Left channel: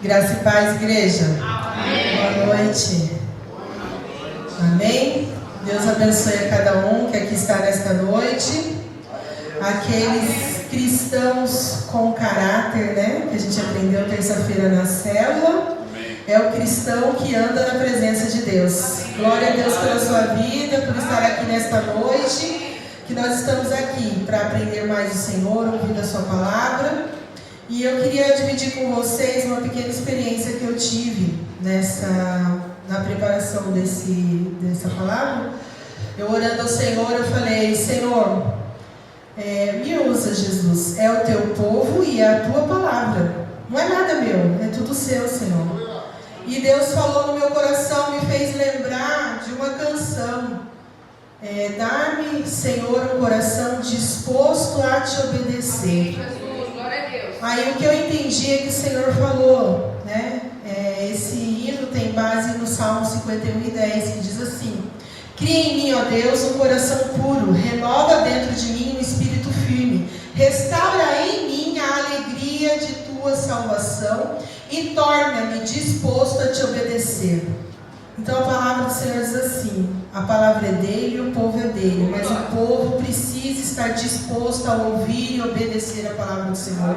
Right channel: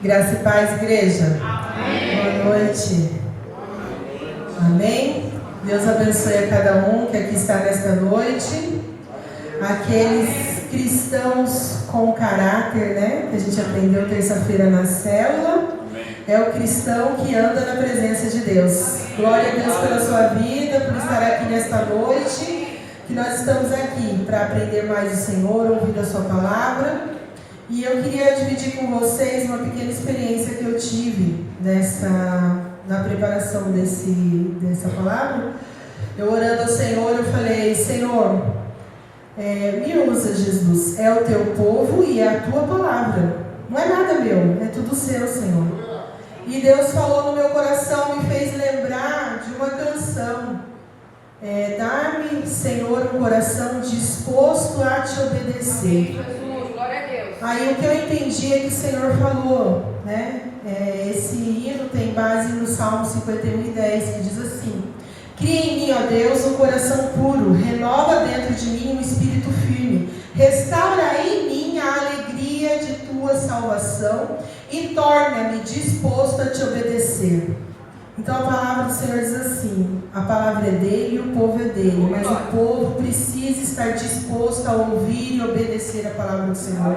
Graça e paz, igreja. Amém. Boa noite. Amém. Deus abençoe a cada um que aqui está nesta noite. Aqueles cristãos com caráter, né? Que a gente aprendeu terça-feira na célula. É o cristão que anda na presença de Deus. Glória a Deus pela sua vida, por estar aqui nesta noite. Que nós estamos aqui para aprender mais do Senhor, ouvir a sua palavra. E eu queria dividir com vocês uma pequena experiência que eu tive na preparação dessa palavra. Eu orando ao Senhor, eu falei: Senhor, me usa, Jesus. É o teu povo e é a tua palavra. Não é nada meu, é tudo seu, Senhor. E Deus falou no meu coração, me fez lembrar de uma canção. Dá-me, Senhor, um coração disposto a te obedecer. Aí o que eu entendi é que o Senhor falou, né? Esse hino tem base no Salmo 51:10, que diz assim: cria em mim, ó Deus, um coração puro, renova dentro de mim um espírito firme, restaura em mim a alegria de tua salvação e torna-me disposto a te obedecer. Então a palavra do Senhor diz assim: a palavra é dele e o povo é dele, mas o povo precisa estar disposto a ouvir e obedecer a palavra do Senhor,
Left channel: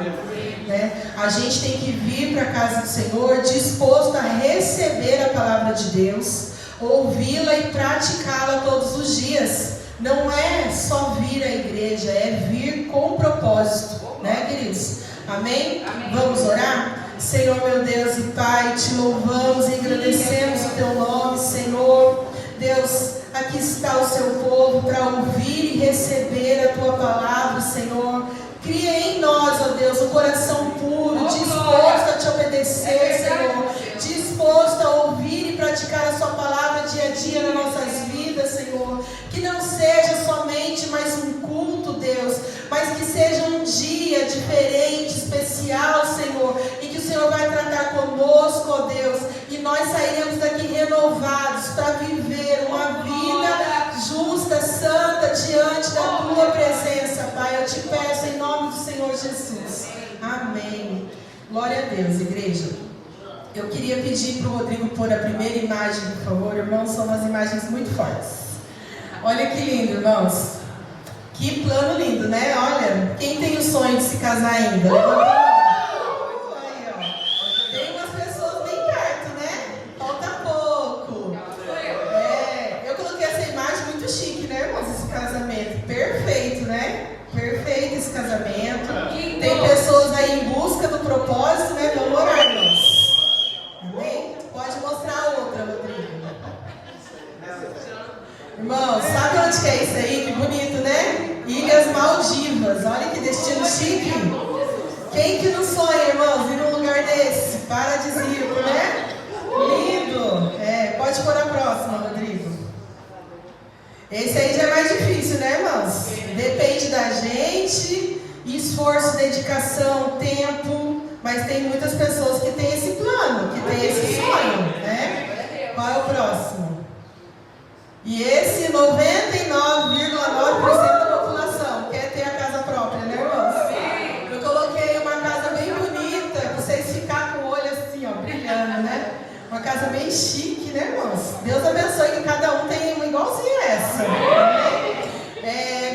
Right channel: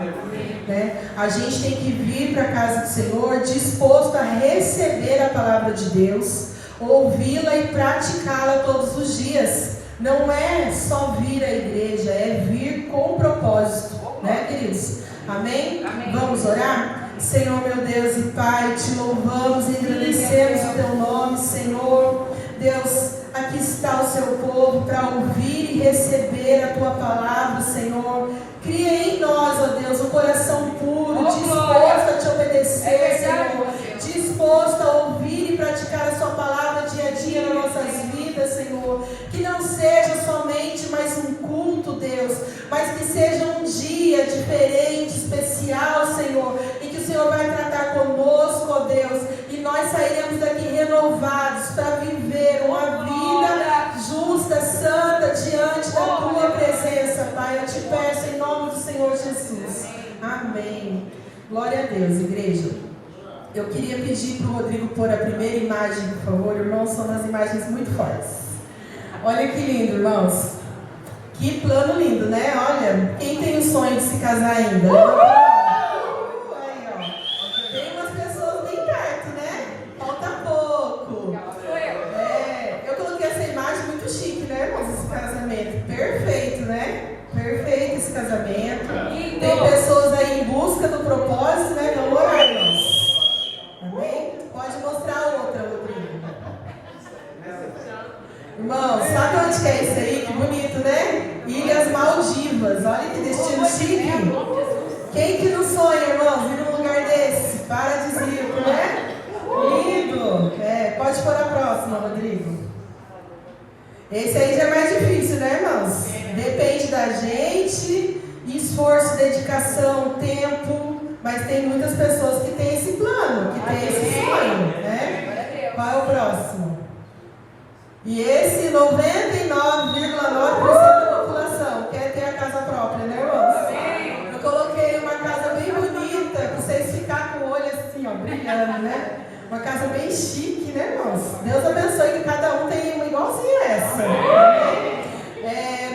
né? A gente tem que vir para a casa do Senhor disposto a receber a palavra de Deus, ouvi-la e praticá-la todos os dias. Não é só vir à igreja, é vir com propósito, né, queridos? Amém? Vamos orar? Senhor, meu Deus e Pai, te louvamos e agradecemos o teu nome, Senhor. Deus, aqui está o seu povo para ouvir e receber a tua palavra, Senhor. Cria em nós, ó Deus, um coração puro, disposto a te obedecer, Senhor. Disposto a ouvir e praticar a sua palavra dia a dia nas nossas vidas, Senhor. Que não seja somente mais um culto, Deus, mas que seja um dia diferente, especial, Senhor, e que o Senhor vai tratar conosco, ó Deus, e nós sairemos daqui renovados para viver uma vida justa, santa, diante da tua presença, Pai. Eu te peço em nome do Senhor Jesus. Amém. Glória a Deus, igreja. Eu queria pedir para o Rodrigo pôr a primeira imagem, por favor. Irmãos, são umas imagens muito fortes. Olha que lindo, irmãos. Que plano lindo, né? Olha, quem tem o sonho de se casar ainda? Levanta a mão. Aí, ó. Tem umas pessoas bem perto, né? Falta pouco. Eu coloquei essa imagem muito chique, né, irmãos? Esse casamento. Perfeito, né? Perfeito esse casamento. Tem pessoas aí em busca do propósito, né? Vamos orar, irmãos. Amém? Pode mostrar a outra, Rodrigo. Irmãos, sabe onde que é isso aí? Que bonito, né? Ilhas Maldivas. Olha que destino chique. Quem que não sonha, irmãos, ir num lugar desse? Paradisíaco, né? Lindo. Pode pôr a próxima, Rodrigo. Esse aí já é mais difícil, né, irmãos? Depende da gente, esforço, dedicação, tempo. Mas tem muitas pessoas que têm esse plano, que têm esse sonho, né? Qual é o próximo? E esse 99,9% da população quer ter a casa própria, né, irmãos? Eu coloquei uma casa bem bonita, para vocês ficarem com o olho assim, ó, brilhando, né? Uma casa bem chique, né, irmãos? Deus abençoe que cada um tenha uma igualzinha essa.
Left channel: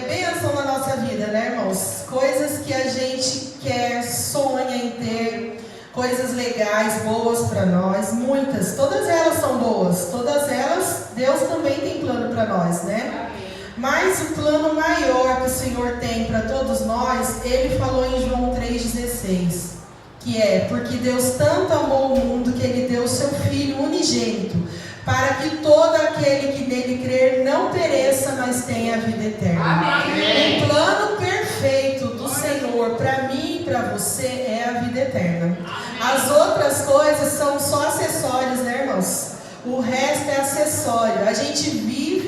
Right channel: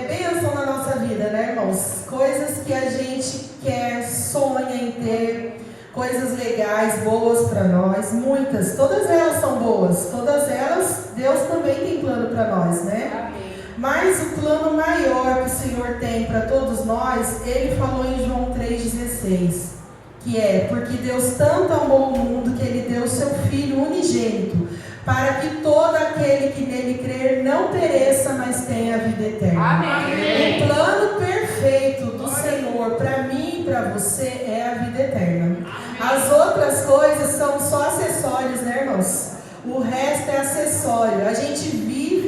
Bênção na nossa vida, né, irmãos? Coisas que a gente quer, sonha em ter, coisas legais, boas para nós, muitas, todas elas são boas, todas elas, Deus também tem plano para nós, né? Mas o plano maior que o Senhor tem para todos nós, Ele falou em João 3,16, que é: porque Deus tanto amou o mundo que Ele deu o seu Filho unigênito, para que todo aquele que nele crer não pereça, mas tenha a vida eterna. Amém. O plano perfeito do Senhor para mim e para você é a vida eterna. As outras coisas são só acessórios, né, irmãos? O resto é acessório. A gente vive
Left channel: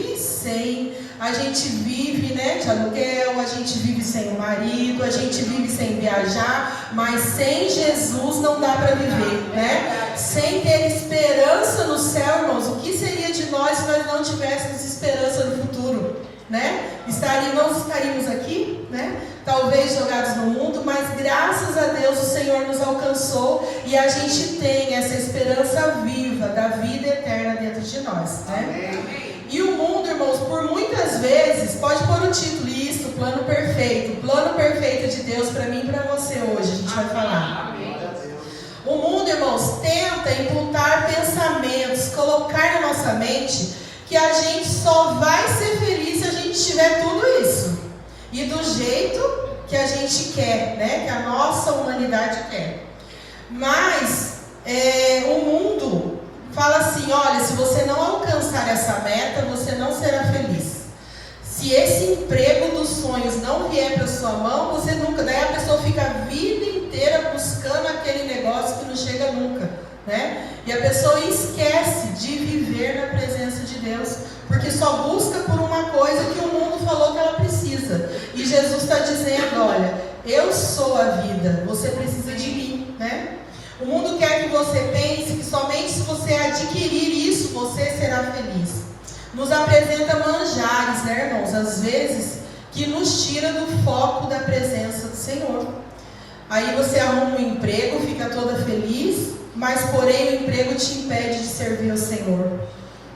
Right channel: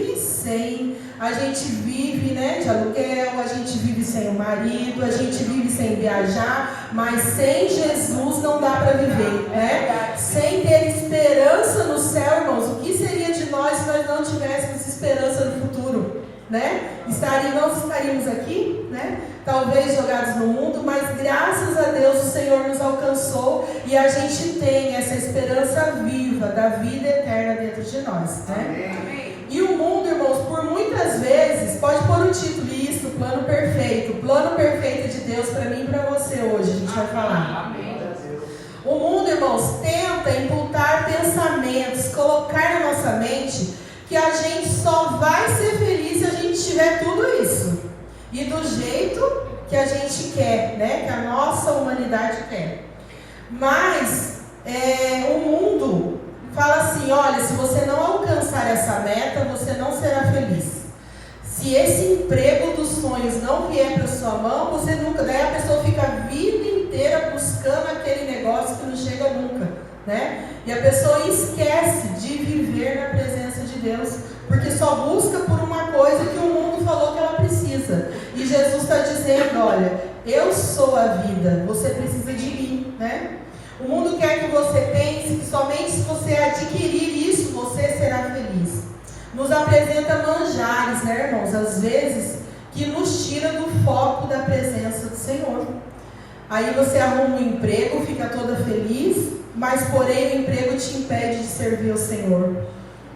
né, de aluguel, a gente vive sem o marido, a gente vive sem viajar, mas sem Jesus não dá para viver, né? Sem ter esperança no céu, irmãos, o que seria de nós se nós não tivéssemos esperança no futuro, né? Não estaríamos aqui, né? Talvez jogados no mundo, mas graças a Deus o Senhor nos alcançou e a gente tem essa esperança viva da vida eterna dentro de nós, né? E o mundo, irmãos, por muitas vezes, pode pôr o título, isso, plano perfeito de Deus para mim e para você hoje, a gente vai falar. O mundo, irmãos, tenta imputar pensamentos, colocar na nossa mente que a gente só vai ser feliz se a gente tiver tudo isso. E do jeito que a gente quer, né? Que a nossa humanidade quer. Mas o mundo fala assim, olha, se você não alcançar essa meta, você não será feliz. Se esse emprego dos sonhos não vier para sua mão, você nunca... Daí a pessoa fica a vida inteira buscando aquele negócio que não chega nunca, né? E a pessoa esquece de viver na presença de Deus, porque só busca por uma coisa que o mundo falou que ela precisa. E Jesus está dizendo, olha, eu sou a vida, você precisa de mim, né? O mundo quer que você pense que somente se você adquirir isso, você será feliz. Nos apresenta manjares, né, irmãos? Às vezes, que nos tira do foco da presença do Senhor. Aí você arruma um emprego, fica toda feliz, mas porém o emprego te impede de servir ao Senhor.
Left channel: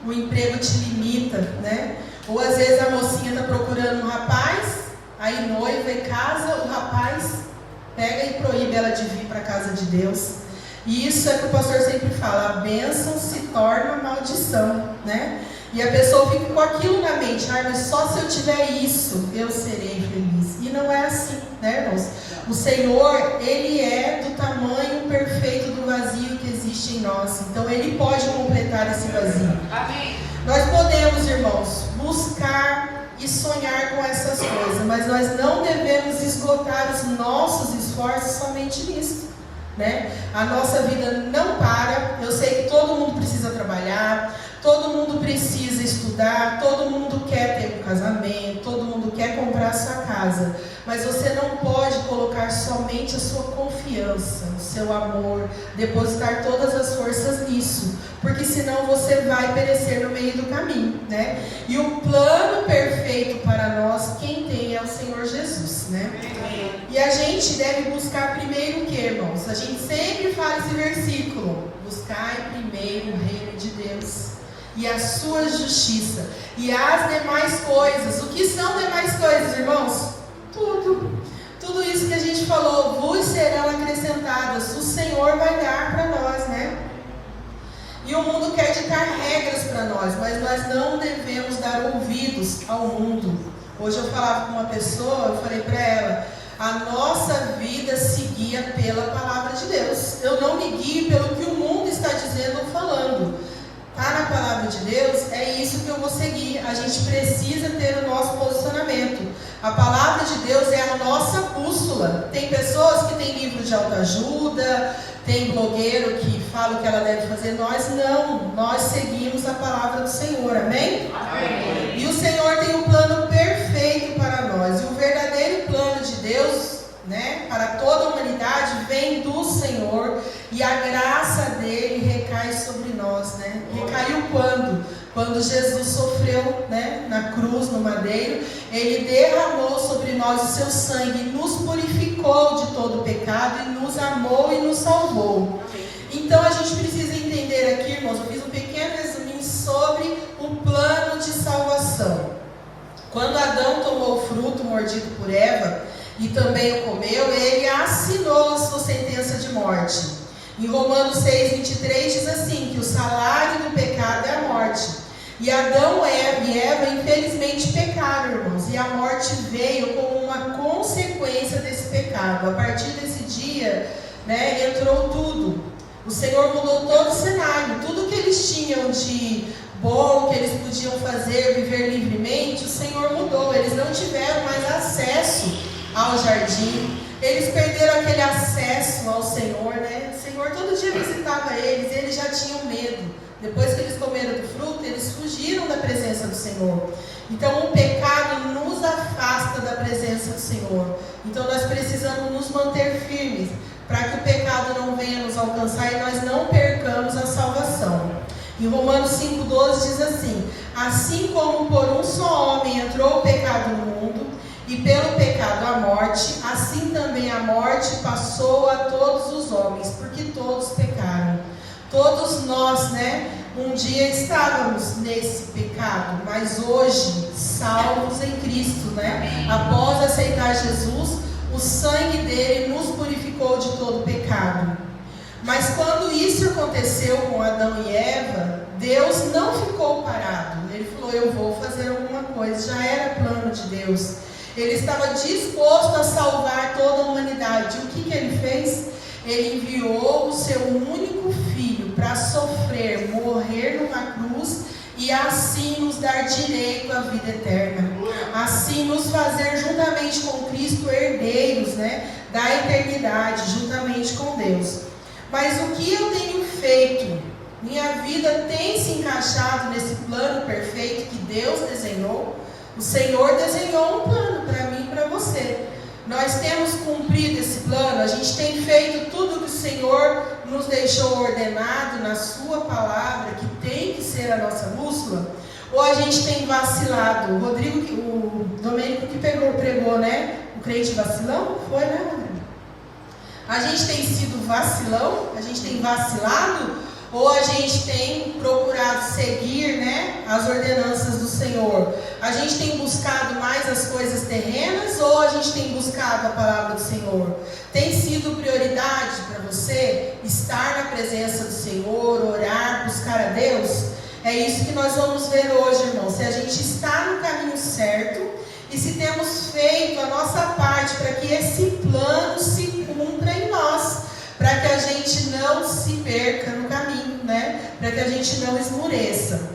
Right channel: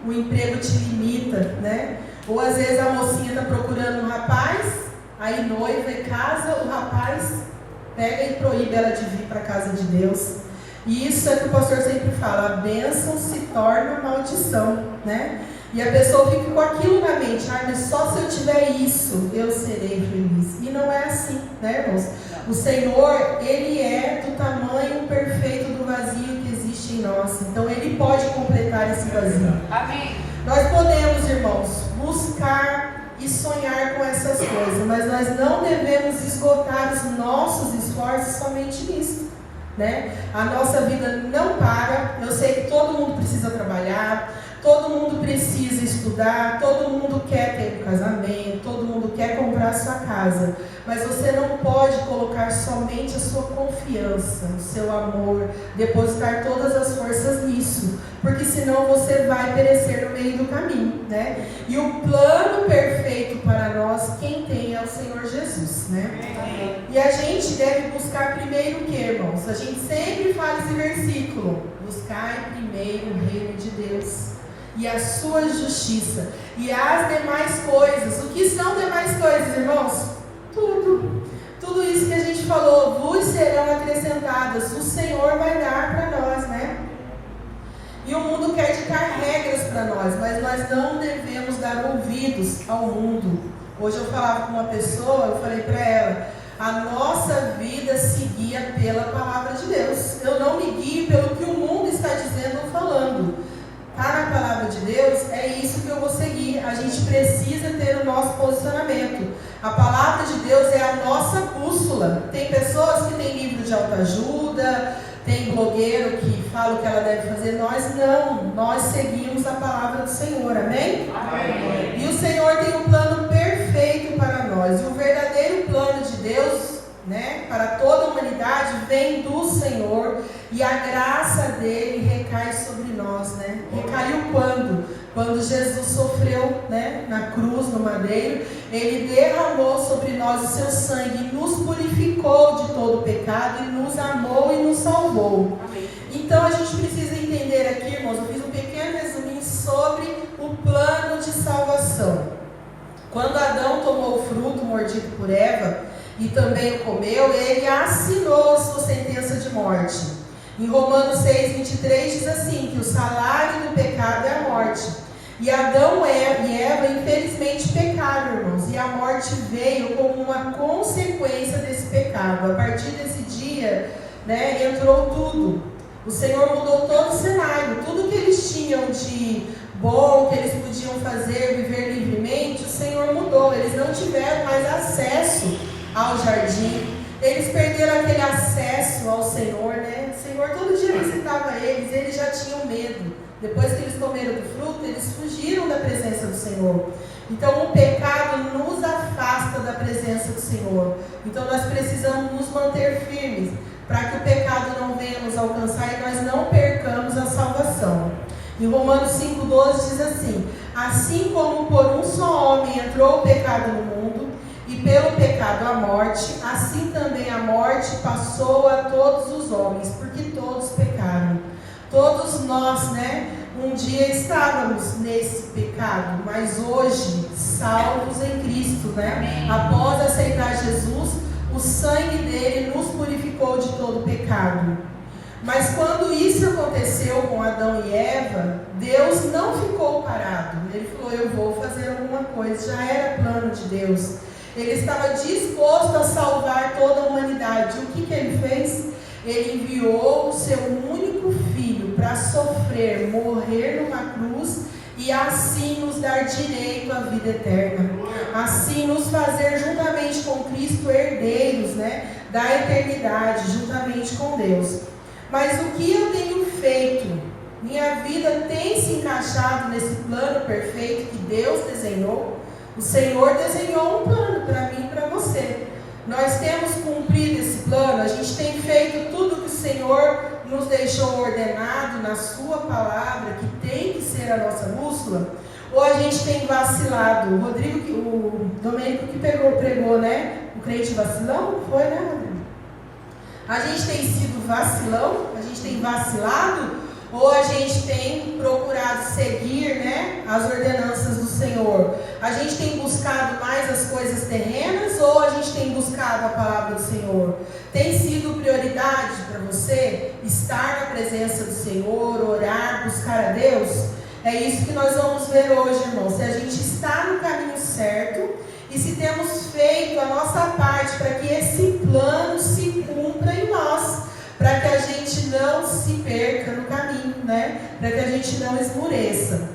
O emprego te limita, né? Ou às vezes a mocinha está procurando um rapaz, aí noiva e casa, o rapaz pega e proíbe ela de vir para a casa de Deus. E isso é que o pastor sempre fala, a bênção se torna maldição, né? E a pessoa fica com aquilo na mente, mas só se eu tiver isso, eu serei feliz. E não é assim, né, irmãos? O Senhor, Ele é do tamanho perfeito do vazio que existe em nós. Então, Ele pode completar esse vazio. Amém. Nós podemos, irmãos, buscar e sonhar com essas coisas, mas nós não devemos esgotar os nossos esforços somente nisso, né? A nossa vida não para. Eu sei que todo mundo precisa trabalhar, todo mundo precisa estudar, todo mundo quer ter um casamento, todo mundo quer comprar a sua casa, mas você não pode colocar somente a sua confiança, o seu amor, depositar todas as forças nisso, porque senão você vai perecer no meio do caminho, né? E o plano perfeito para nós, quem tem é o Senhor Jesus, né? E a gente deve buscar primeiro o que, irmãos? A gente sempre fala esse versículo, buscai primeiro o reino de Deus e a sua justiça, e as demais coisas. O que são demais coisas, irmãos? Tudo isso que a gente falou, vos serão acrescentadas, o Senhor vai dar para nós, né? E o mundo quer ditar regras para nós, mas nós não devemos dar ouvidos ao mundo. Hoje eu falava com uma pessoa, eu falei para ela, a nossa vida se guia pela palavra de Deus. Eu não me guio pelo que o mundo está dizendo ou falando. Está na palavra de Deus, é isso que eu vou seguir. A gente precisa ter o nosso posicionamento. A palavra de Deus é a nossa bússola. Tem pessoas que têm livro de autoajuda, tem blogueiro que fala o que ela deve fazer. Nós não, nós seguimos a palavra do Senhor, amém? Amém. E o Senhor tem um plano perfeito para nós. E o verdadeiro plano de Deus, né, para toda a humanidade, vem do Senhor, e a graça dele recai sobre nós, né? Recaiu quando? Quando Jesus sofreu, né, na cruz, no madeiro, ele derramou sobre nós o seu sangue, nos purificou de todo o pecado e nos amou e nos salvou. Então a gente precisa entender aqui, irmãos, eu fiz um pequeno resuminho sobre o plano de salvação. Quando Adão tomou o fruto mordido por Eva, e também o comeu, ele assinou a sua sentença de morte. Em Romanos 6:23 diz assim, que o salário do pecado é a morte. E Adão e Eva infelizmente pecaram, irmãos, e a morte veio como uma consequência desse pecado. A partir desse dia, né, entrou tudo. O Senhor mudou todo o cenário, tudo que eles tinham de bom, que eles podiam fazer, viver livremente, o Senhor mudou. Eles não tiveram mais acesso ao jardim, eles perderam aquele acesso ao Senhor, né? O Senhor todo dia visitava eles já tinham medo. Depois que eles comeram do fruto, eles fugiram da presença do Senhor. Então o pecado nos afasta da presença do Senhor. Então nós precisamos nos manter firmes, para que o pecado não venha nos alcançar e nós não percamos a salvação. Em Romanos 5:12 diz assim, assim como por um só homem entrou o pecado no mundo, e pelo pecado a morte, assim também a morte passou a todos os homens, porque todos nós, né, um dia estávamos nesse pecado, mas hoje, salvos em Cristo, né? Após aceitar Jesus, o sangue dele nos purificou de todo pecado. Mas quando isso aconteceu com Adão e Eva, Deus não ficou parado. Ele falou, eu vou fazer alguma coisa. Já era plano de Deus. Ele estava disposto a salvar toda a humanidade. O que ele fez? Ele enviou o seu único filho para sofrer, morrer numa cruz e assim nos dar direito à vida eterna. Assim nos fazer juntamente com Cristo herdeiros, né, da eternidade, juntamente com Deus. Mas o que eu tenho feito? Minha vida tem se encaixado nesse plano perfeito que Deus desenhou? O Senhor desenhou um plano para mim e para você. Nós temos cumprido esse plano, a gente tem feito tudo que o Senhor nos deixou ordenado na sua palavra, que tem que ser a nossa bússola, ou a gente tem vacilado? O Domênico que pregou, né? O crente vacilão? Foi, né, Rodrigo? A gente tem sido vacilão? A gente tem vacilado? Ou a gente tem procurado seguir, né, as ordenanças do Senhor? A gente tem buscado mais as coisas terrenas ou a gente tem buscado a palavra do Senhor? Tem sido prioridade para você estar na presença do Senhor, orar, buscar a Deus? É isso que nós vamos ver hoje, irmão. Se a gente está no caminho certo e se temos feito a nossa parte para que esse plano se cumpra em nós, para que a gente não se perca no caminho, né? Para que a gente não esmoreça.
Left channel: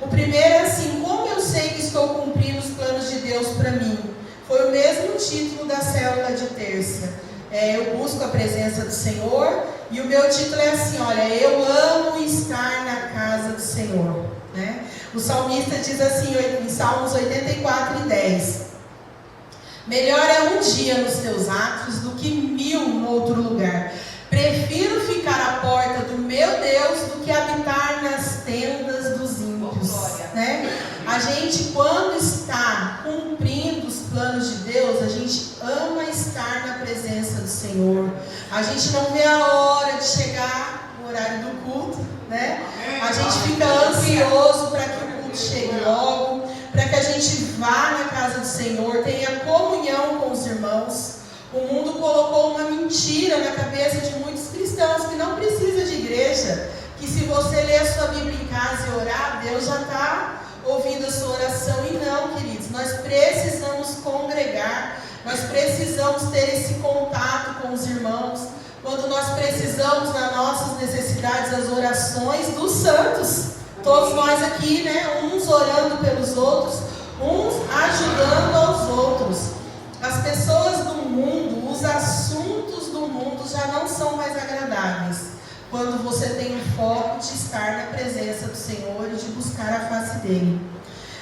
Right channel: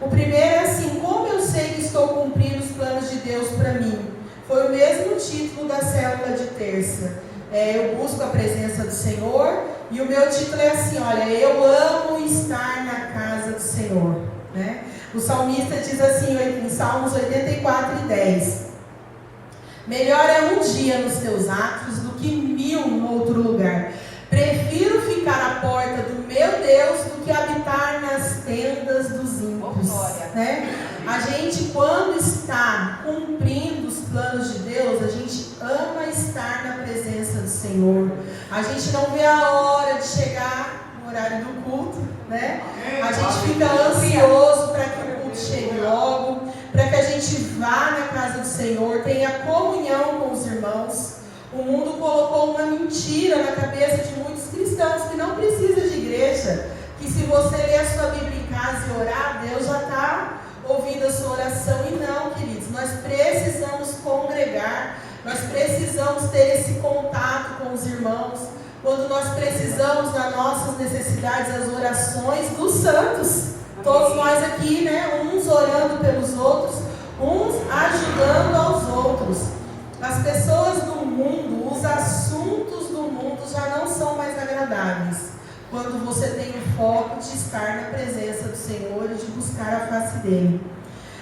O primeiro é assim, como eu sei que estou cumprindo os planos de Deus para mim? Foi o mesmo título da célula de terça. Eu busco a presença do Senhor, e o meu título é assim, olha, eu amo estar na casa do Senhor, né? O salmista diz assim, em Salmos 84:10, melhor é um dia nos teus atos do que 1000 no outro lugar. Prefiro ficar à porta do meu Deus do que habitar nas tendas dos ímpios, né? A gente, quando está cumprindo os planos de Deus, a gente ama estar na presença do Senhor. A gente não vê a hora de chegar no horário do culto, né? A gente fica ansioso para que o culto chegue logo, para que a gente vá na casa do Senhor, tenha comunhão com os irmãos. O mundo colocou uma mentira na cabeça de muitos cristãos, que não precisa de igreja, que se você ler a sua Bíblia em casa e orar, Deus já está ouvindo a sua oração. E não, queridos, nós precisamos congregar, nós precisamos ter esse contato com os irmãos, quando nós precisamos, nas nossas necessidades, as orações dos santos, todos nós aqui, né, uns orando pelos outros, uns ajudando aos outros. As pessoas do mundo, os assuntos do mundo já não são mais agradáveis quando você tem o foco de estar na presença do Senhor e de buscar a face dele.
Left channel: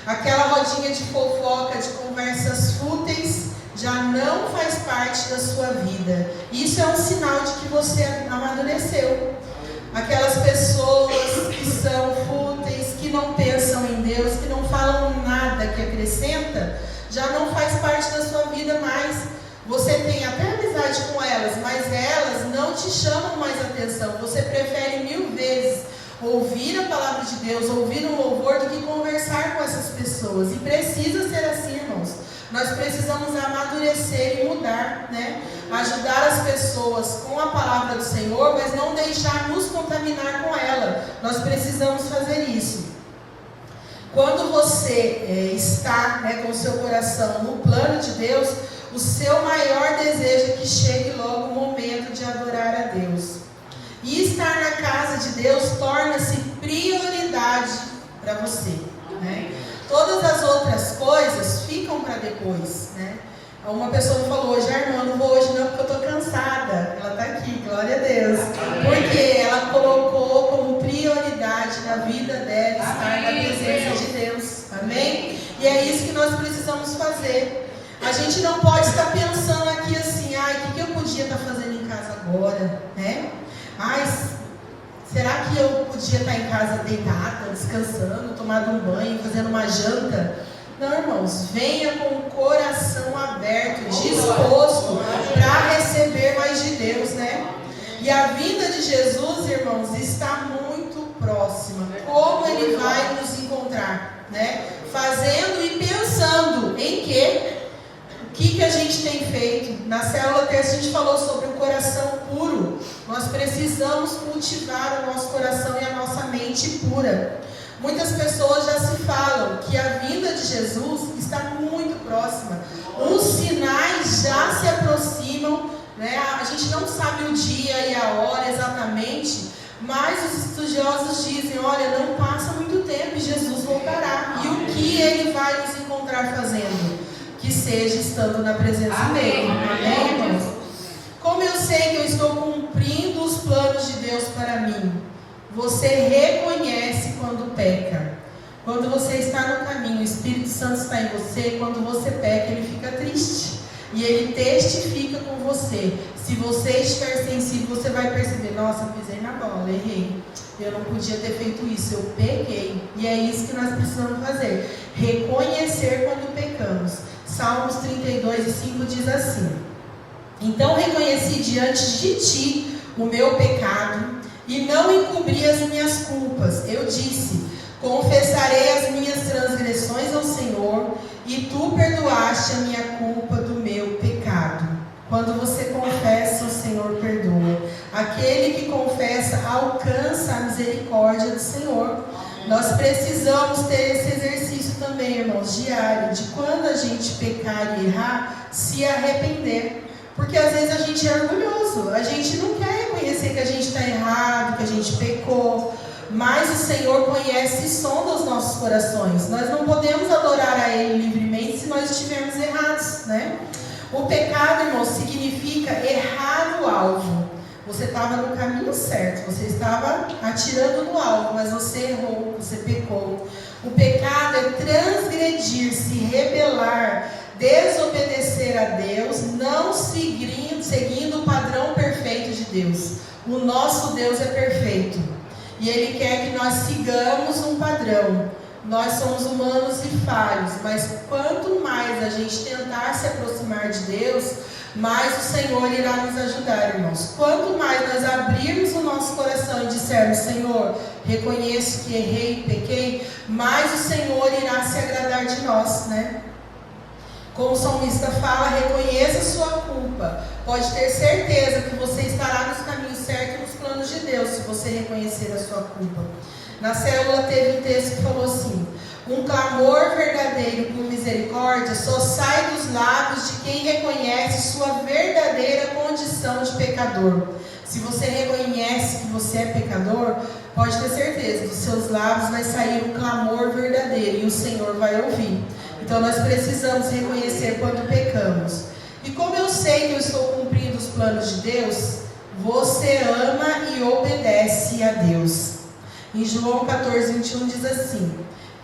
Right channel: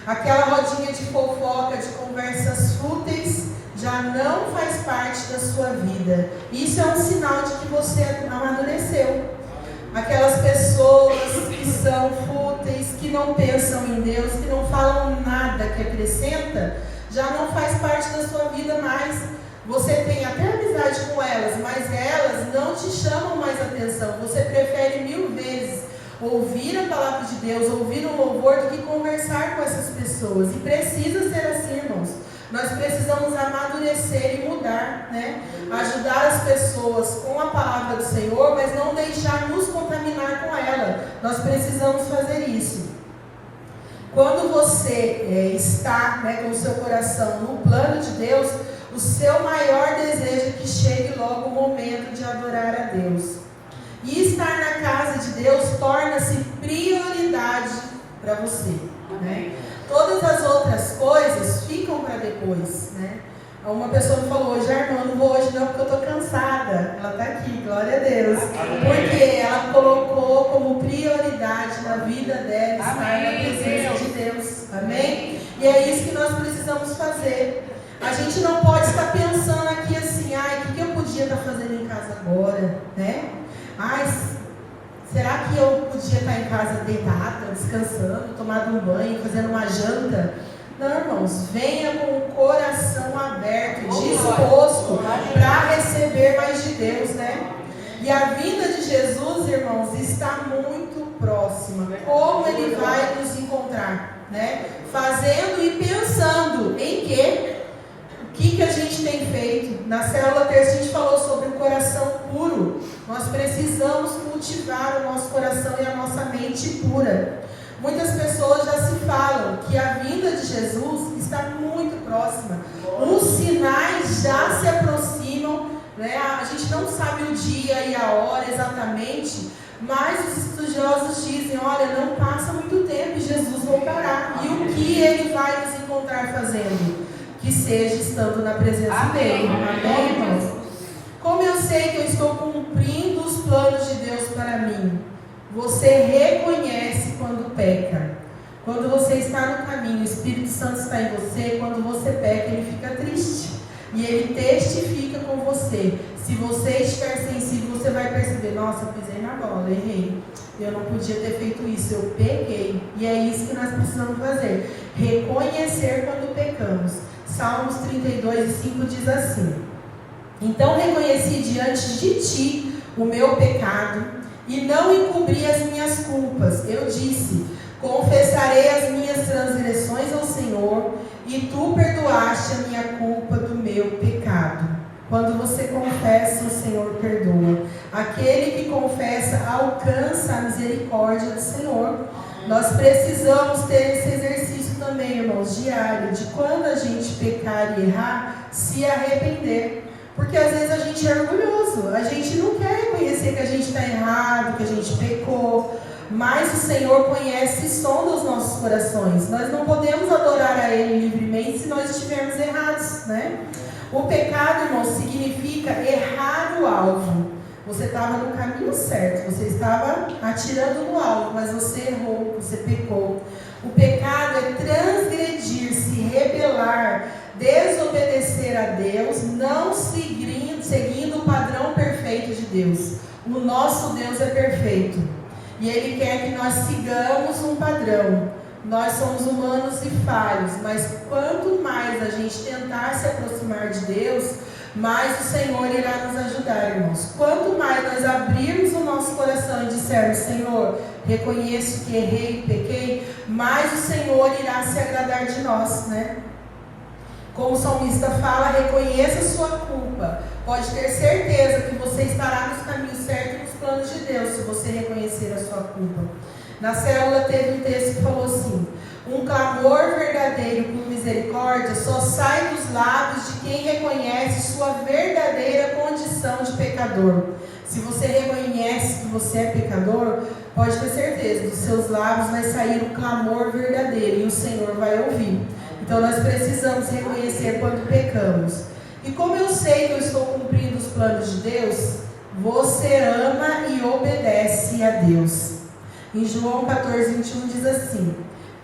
Aquela rodinha de fofoca, de conversas fúteis, já não faz parte da sua vida. Isso é um sinal de que você amadureceu. Aquelas pessoas que são fúteis, que não pensam em Deus, que não falam nada que acrescenta, já não faz parte da sua vida mais. Você tem até amizade com elas, mas elas não te chamam mais atenção. Você prefere 1000 vezes ouvir a palavra de Deus, ouvir um louvor, do que conversar com essas pessoas. E precisa ser assim, irmãos. Nós precisamos amadurecer e mudar, né? Ajudar as pessoas com a palavra do Senhor, mas não deixar nos contaminar com ela. Nós precisamos fazer isso. Quando você está, né, com o seu coração no plano de Deus, o seu maior desejo é que chegue logo o momento de adorar a Deus. E estar na casa de Deus torna-se prioridade para você, né? Todas as outras coisas ficam para depois, né? Uma pessoa me falou hoje, irmã, não vou hoje não porque eu estou cansada. Ela está aqui, glória a Deus. Porque ela colocou como prioridade na vida dela estar na presença de Deus. Amém? E é isso que nós precisamos fazer. A gente não pode estar pensando aqui assim, o que eu podia estar fazendo em casa agora, né? Será que eu podia estar em casa deitada, descansando, tomando um banho, fazendo uma janta? Não, irmãos, venha com o coração aberto, disposto para receber mais de Deus, né? E a vinda de Jesus, irmãos, irmãos, está muito próxima. Como Ele vai nos encontrar, né? Fazendo e pensando em quê? O que a gente tem feito? Na célula terça a gente falou sobre o coração puro. Nós precisamos cultivar o nosso coração e a nossa mente pura. Muitas pessoas já se falam que a vinda de Jesus está muito próxima. Os sinais já se aproximam, né? A gente não sabe o dia e a hora exatamente, mas os estudiosos dizem, olha, não passa muito tempo e Jesus voltará. E o que Ele vai nos encontrar fazendo? Que seja estando na presença dEle. Amém, irmãos? Como eu sei que eu estou cumprindo os planos de Deus para mim? Você reconhece quando peca. Quando você está no caminho, o Espírito Santo está em você. Quando você peca, Ele fica triste. E Ele testifica com você. Se você estiver sensível, você vai perceber, nossa, eu pisei na bola, errei. Eu não podia ter feito isso, eu pequei. E é isso que nós precisamos fazer. Reconhecer quando pecamos. Salmos 32:5 diz assim: então reconheci diante de ti o meu pecado e não encobri as minhas culpas. Eu disse, confessarei as minhas transgressões ao Senhor e tu perdoaste a minha culpa do meu pecado. Quando você confessa, o Senhor perdoa. Aquele que confessa alcança a misericórdia do Senhor. Nós precisamos ter esse exercício também, irmãos, diário, de quando a gente pecar e errar, se arrepender. Porque às vezes a gente é orgulhoso, a gente não quer reconhecer que a gente está errado, que a gente pecou, mas o Senhor conhece e sonda os nossos corações. Nós não podemos adorar a Ele livremente se nós estivermos errados, né? O pecado, irmão, significa errar o alvo. Você estava no caminho certo, você estava atirando no alvo, mas você errou, você pecou. O pecado é transgredir, se rebelar, desobedecer a Deus, não seguindo o padrão perfeito de Deus. O nosso Deus é perfeito e Ele quer que nós sigamos um padrão. Nós somos humanos e falhos, mas quanto mais a gente tentar se aproximar de Deus, mais o Senhor irá nos ajudar, irmãos. Quanto mais nós abrirmos o nosso coração e dissermos, Senhor, reconheço que errei e pequei, mais o Senhor irá se agradar de nós, né? Como o salmista fala, reconheça a sua culpa. Pode ter certeza que você estará nos caminhos certos e nos planos de Deus, se você reconhecer a sua culpa. Na célula teve um texto que falou assim: um clamor verdadeiro por misericórdia só sai dos lábios de quem reconhece sua verdadeira condição de pecador. Se você reconhece que você é pecador, pode ter certeza, dos seus lábios vai sair um clamor verdadeiro e o Senhor vai ouvir. Então nós precisamos reconhecer quando pecamos. E como eu sei que eu estou cumprindo os planos de Deus, você ama e obedece a Deus. Em João 14:21 diz assim:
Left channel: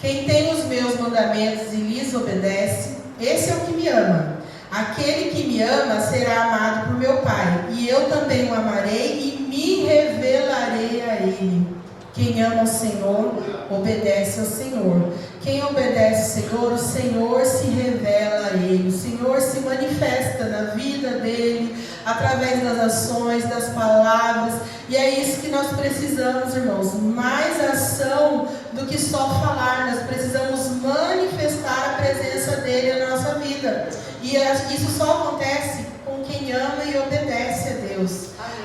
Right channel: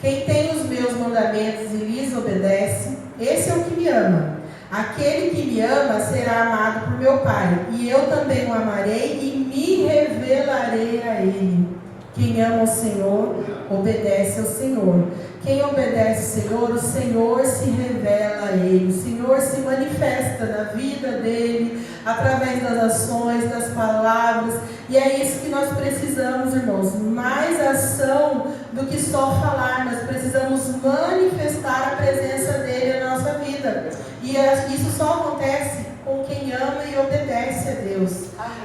quem tem os meus mandamentos e lhes obedece, esse é o que me ama. Aquele que me ama será amado por meu Pai, e eu também o amarei e me revelarei a ele. Quem ama o Senhor, obedece ao Senhor. Quem obedece ao Senhor, o Senhor se revela a ele. O Senhor se manifesta na vida dele, através das ações, das palavras. E é isso que nós precisamos, irmãos. Mais ação do que só falar. Nós precisamos manifestar a presença dele na nossa vida. E isso só acontece com quem ama e obedece a Deus.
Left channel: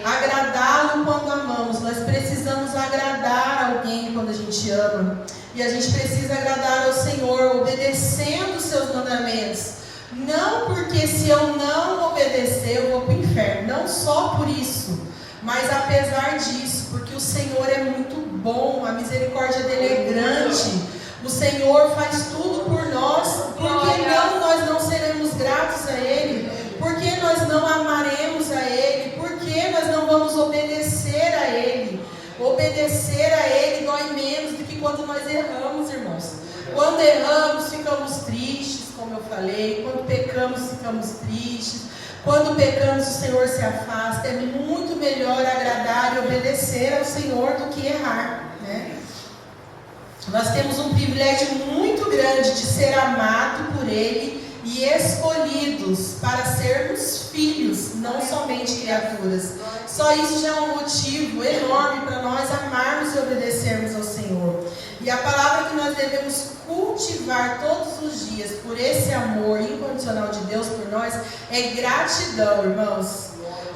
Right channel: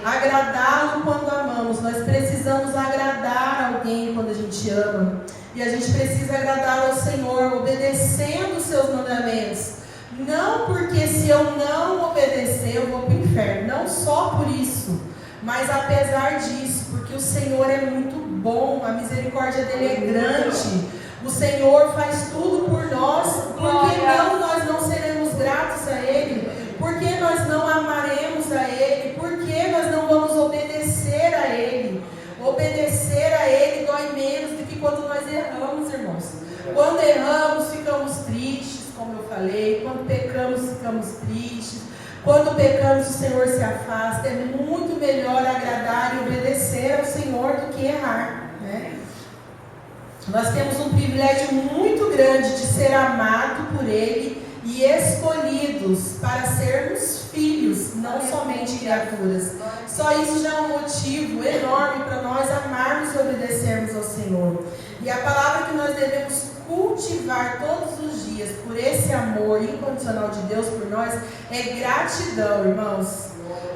Agradá-lo quando amamos. Nós precisamos agradar alguém quando a gente ama. E a gente precisa agradar ao Senhor, obedecendo os seus mandamentos. Não porque se eu não obedecer, eu vou para o inferno. Não só por isso, mas apesar disso, porque o Senhor é muito bom, a misericórdia dele é grande. O Senhor faz tudo por nós. Por que não nós não seremos gratos a Ele? Por que nós não amaremos a Ele? Por que nós não vamos obedecer a Ele? Obedecer a Ele dói menos do que quando nós erramos, irmãos. Quando erramos, ficamos tristes, como eu falei. Quando pecamos, ficamos tristes. Quando pecamos, o Senhor se afasta. É muito melhor agradar e obedecer ao Senhor do que errar, né? Nós temos um privilégio muito grande de ser amado por Ele e escolhidos para sermos filhos, não somente criaturas. Só isso já é um motivo enorme para nós se obedecermos ao Senhor. E a palavra que nós devemos cultivar todos os dias por esse amor incondicional de Deus por nós é gratidão, irmãos.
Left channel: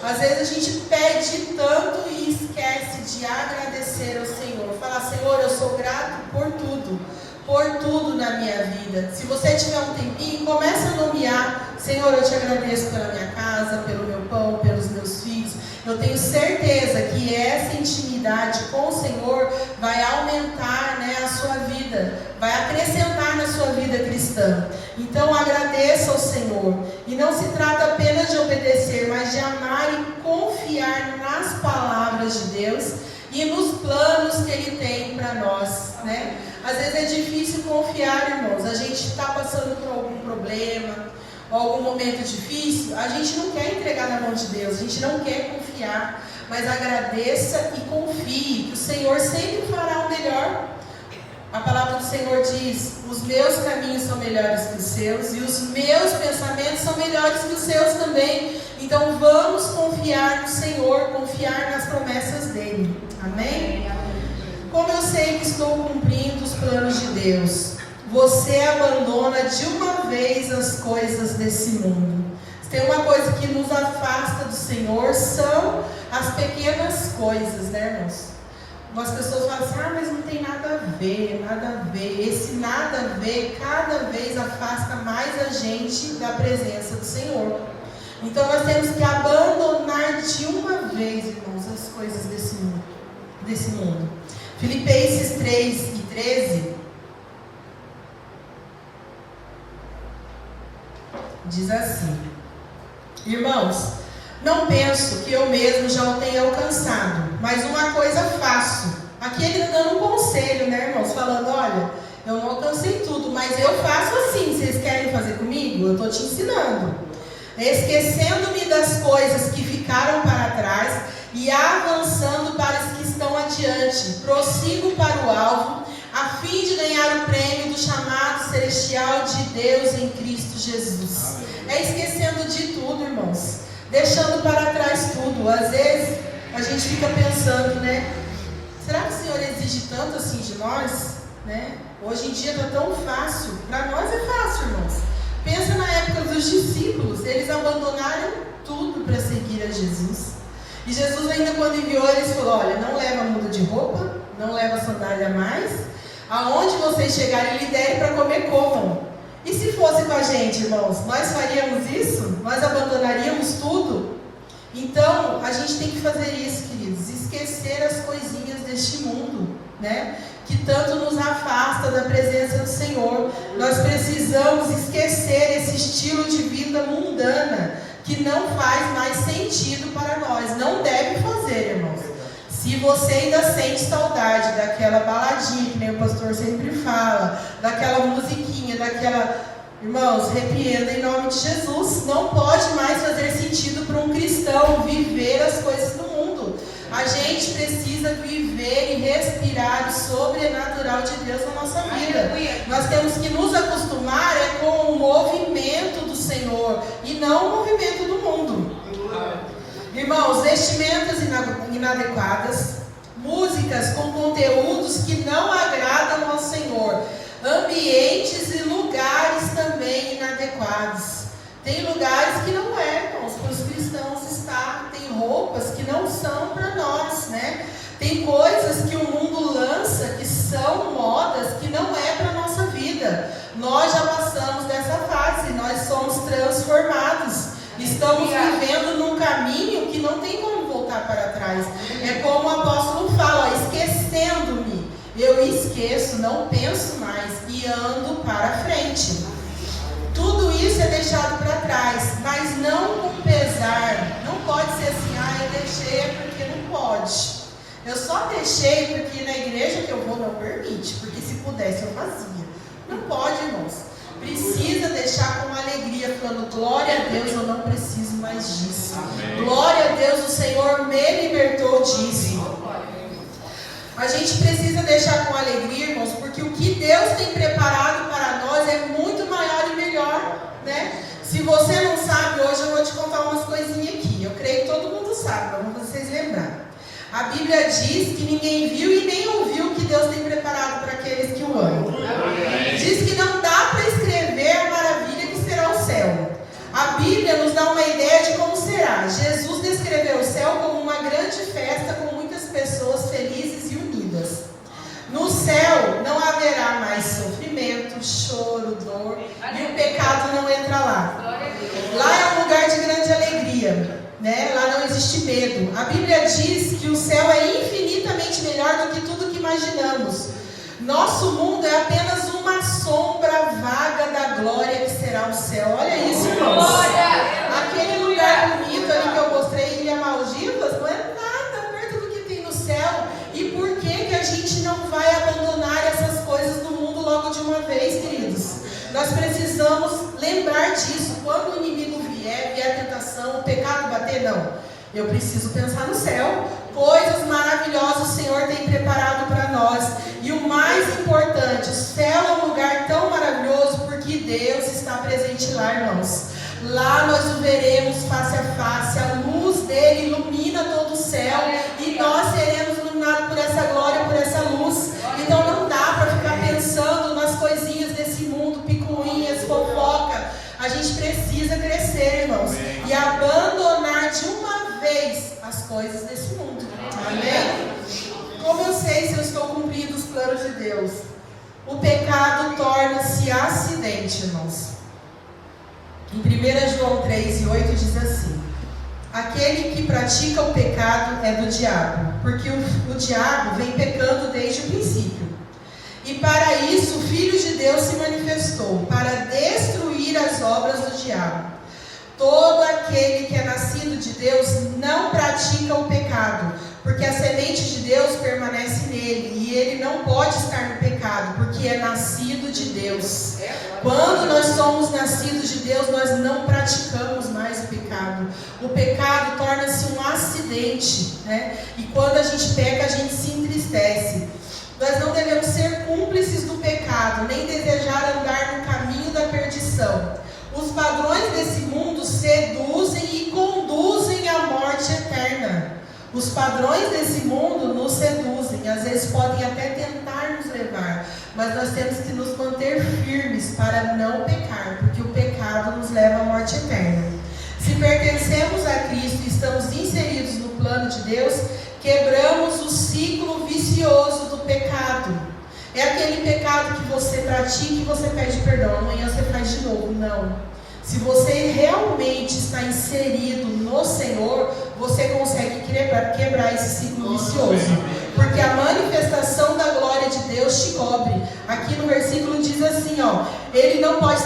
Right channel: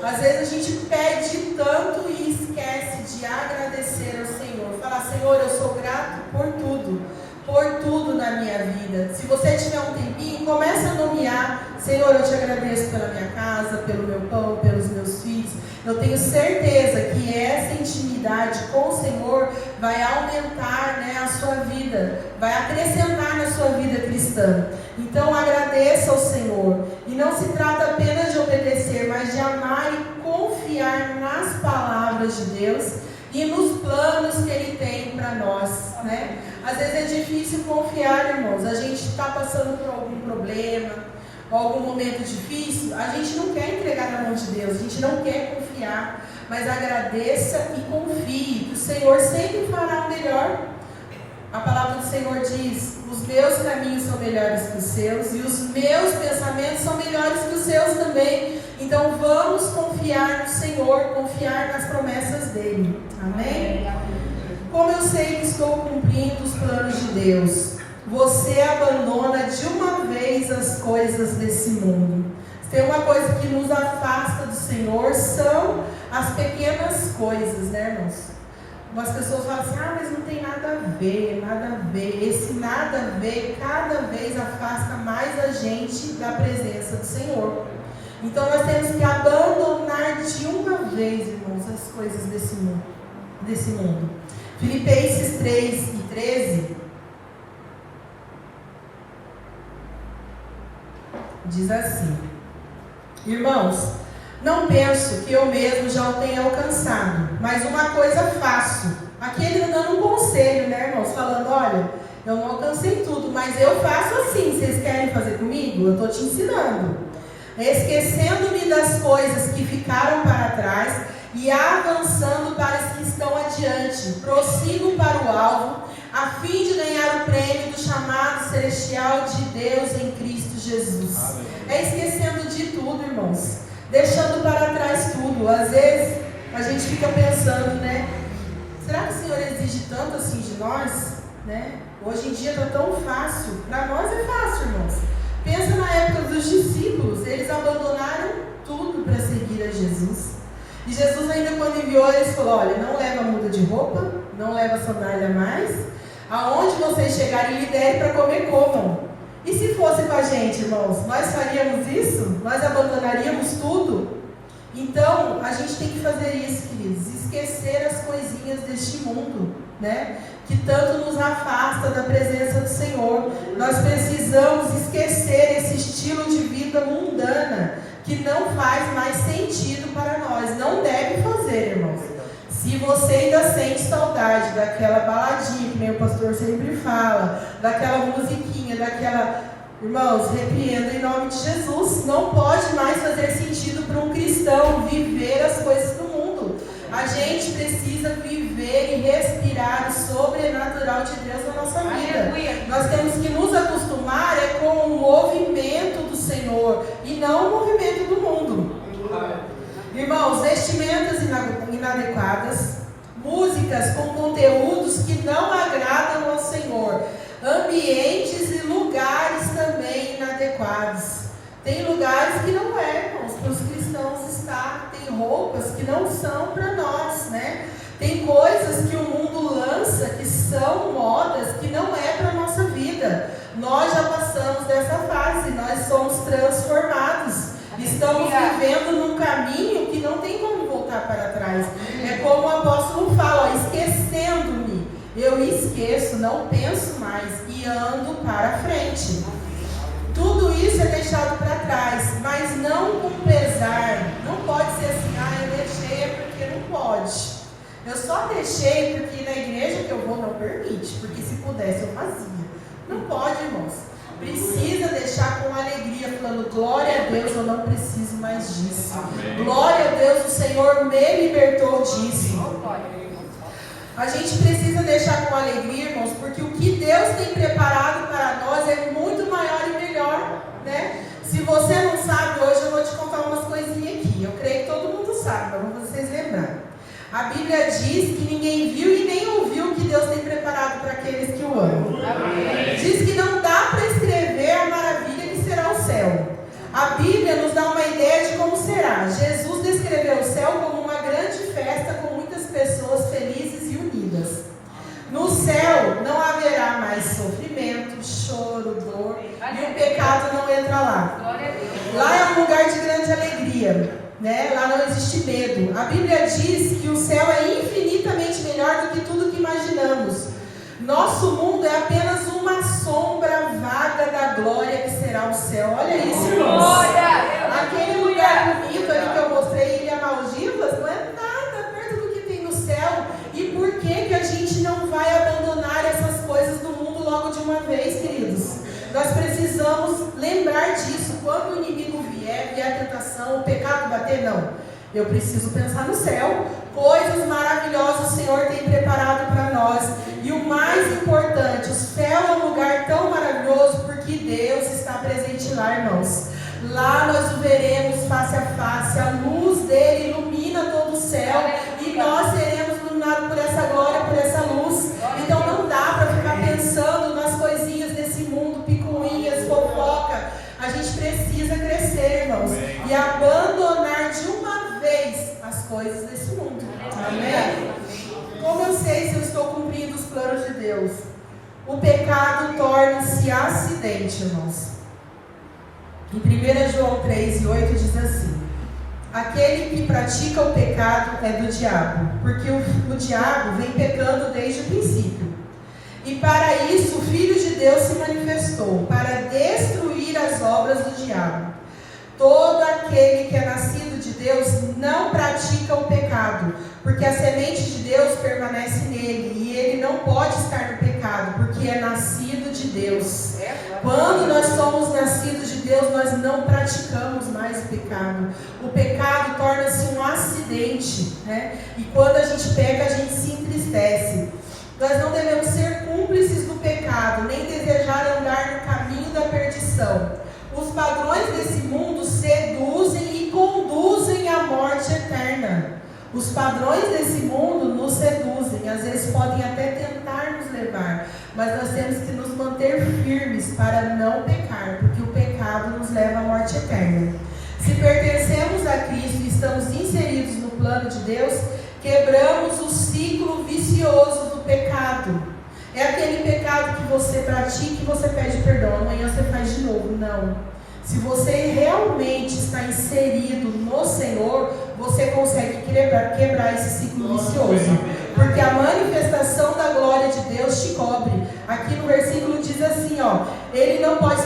Às vezes a gente pede tanto e esquece de agradecer ao Senhor. Falar, Senhor, eu sou grato por tudo na minha vida. Se você tiver um tempinho, começa a nomear. Senhor, eu te agradeço pela minha casa, pelo meu pão, pelos meus filhos. Eu tenho certeza que essa intimidade com o Senhor vai aumentar, né, a sua vida, vai acrescentar na sua vida cristã. Então agradeça ao Senhor. E não se trata apenas de obedecer, mas de amar e confiar nas palavras de Deus e nos planos que Ele tem para nós, né? Às vezes é difícil confiar, irmãos. A gente está passando por algum problema, algum momento difícil, a gente não quer entregar na mão de Deus, a gente não quer confiar, mas agradeça e confie, que o Senhor sempre fará o melhor. A palavra do Senhor diz, os meus caminhos são melhores que os seus, e os meus pensamentos são melhores que os seus também. Então vamos confiar no Senhor, confiar nas promessas dEle. Amém? Como eu sei que estou cumprindo os planos de Deus? Você abandona de uma vez as coisas desse mundo. Se tem uma coisa que nos afasta do Senhor, são as pequenas coisas, né, irmãos? As pessoas falam assim, mas não tem nada a ver, nada a ver. Esse nada a ver, cada vez afasta mais a gente da presença do Senhor. Então nós temos que abandonar de uma vez, irmãos, as coisas desse mundo. Filipenses 3:13 diz assim: irmãos, não penso que eu mesmo já o tenha alcançado, mas uma coisa faço. Aqui ele está dando um conselho, né, irmãos? Falando, olha, eu não alcancei tudo, mas eu faço assim. Vocês querem fazer comigo? Eu estou te ensinando. Esquecendo-me das coisas que ficaram para trás e avançando para as que estão adiante, prossigo para o alvo, a fim de ganhar o prêmio do chamado celestial de Deus em Cristo Jesus. É esquecendo de tudo, irmãos. Deixando para trás tudo. Às vezes a gente fica pensando, né? Será que o Senhor exige tanto assim de nós? Né? Hoje em dia está tão fácil. Para nós é fácil, irmãos. Pensa na época dos discípulos. Eles abandonaram tudo para seguir a Jesus. E Jesus ainda quando enviou eles falou, olha, não leva muda de roupa, não leva sandália mais. Aonde vocês chegarem, lhe derem para comer, comam. E se fosse com a gente, irmãos, nós faríamos isso? Nós abandonaríamos tudo? Então, a gente tem que fazer isso, queridos, esquecer as coisinhas deste mundo, né? Que tanto nos afasta da presença do Senhor. Nós precisamos esquecer esse estilo de vida mundana, que não faz mais sentido para nós. Não deve fazer, irmãos. Se você ainda sente saudade daquela baladinha, que nem o pastor sempre fala, daquela musiquinha, daquela... Irmãos, repreenda em nome de Jesus. Não pode mais fazer sentido para um cristão viver as coisas do mundo. A gente precisa viver e respirar o sobrenatural de Deus na nossa vida. Nós temos que nos acostumar com o movimento do Senhor e não o movimento do mundo. Irmãos, vestimentas inadequadas, músicas com conteúdos que não agradam ao Senhor, ambientes e lugares também inadequados. Tem lugares que não é, irmãos, para os cristãos estar, tem roupas que não são para nós, né? Tem coisas que o mundo lança que são modas que não é para a nossa vida. Nós já passamos dessa fase, nós somos transformados. Estamos vivendo num caminho que não tem como voltar para trás. É como o apóstolo fala, esquecendo-me. Eu esqueço, não penso mais e ando para frente. Tudo isso é deixado para trás, mas não com pesar. Não pode ser assim, eu deixei porque não pode. Eu só deixei porque na igreja que eu vou não permite, porque se pudesse eu fazia. Não pode, irmãos. Precisa deixar com alegria, falando, glória a Deus, eu não preciso mais disso. Amém. Glória a Deus, o Senhor me libertou disso. A gente precisa deixar com alegria, irmãos, porque o que Deus tem preparado para nós é muito maior e melhor, né? Se você não sabe, hoje eu vou te contar umas coisinhas aqui. Eu creio que todo mundo sabe, mas vamos vocês lembrarem. A Bíblia diz que ninguém viu e nem Bíblia nos dá uma ideia de como será. Jesus descreveu o céu como uma grande festa com muitas pessoas felizes e unidas. No céu não haverá mais sofrimento, choro, dor, e o pecado não entra lá. Lá é um lugar de grande alegria, né? Lá não existe medo. A Bíblia diz que o céu é infinitamente melhor do que tudo que imaginamos. Nosso mundo é apenas uma sombra vaga da glória que será o céu. Olha isso, irmãos. Aquele lugar bonito ali que eu mostrei, Ilha Maldivas, não é nada perto do que tem no céu. E por que a gente não vai abandonar essas coisas do mundo logo de uma vez, queridos? Nós precisamos lembrar disso. Quando o inimigo vier a tentação, o pecado bater, não. Eu preciso pensar no céu. Coisas maravilhosas o Senhor tem preparado para nós. E o mais importante, o céu é um lugar tão maravilhoso porque Deus está presente lá, irmãos. Lá nós o veremos face a face. A luz dele ilumina todo o céu. E nós seremos iluminados por essa glória, por essa luz. Então não dá para ficar pensando nas coisinhas desse mundo, picuinhas, fofoca. A gente precisa crescer, irmãos. E abandonar de uma vez as coisas desse mundo. Amém? Como eu sei se eu estou cumprindo os planos de Deus? O pecado torna-se acidente, irmãos. Em 1 João 3:8 diz assim: aquele que pratica o pecado é do diabo, porque o diabo vem pecando desde o princípio. E para isso o Filho de Deus se manifestou, para destruir as obras do diabo. Todo aquele que é nascido de Deus não pratica o pecado, porque a semente de Deus permanece nele, e ele não pode estar no pecado, porque é nascido de Deus. Quando nós somos nascidos de Deus, nós não praticamos mais o pecado. O pecado torna-se um acidente, né? E quando a gente peca, a gente se entristece. Nós não devemos ser cúmplices do pecado, nem desejar andar no caminho da perdição. Os padrões desse mundo seduzem e conduzem à morte eterna. Os padrões desse mundo nos seduzem, às vezes podem até tentar nos levar, mas nós temos que nos manter firmes para não pecar, porque o pecado nos leva à morte eterna. Se pertencemos a Cristo e estamos inseridos no plano de Deus, quebramos o ciclo vicioso do pecado. É aquele pecado que você pratica e você pede perdão, amanhã você faz de novo. Não. Se você realmente está inserido no Senhor, você consegue quebrar esse ciclo vicioso. Porque a manifestação da glória de Deus te cobre. Aqui no versículo diz assim, ó: ele não pode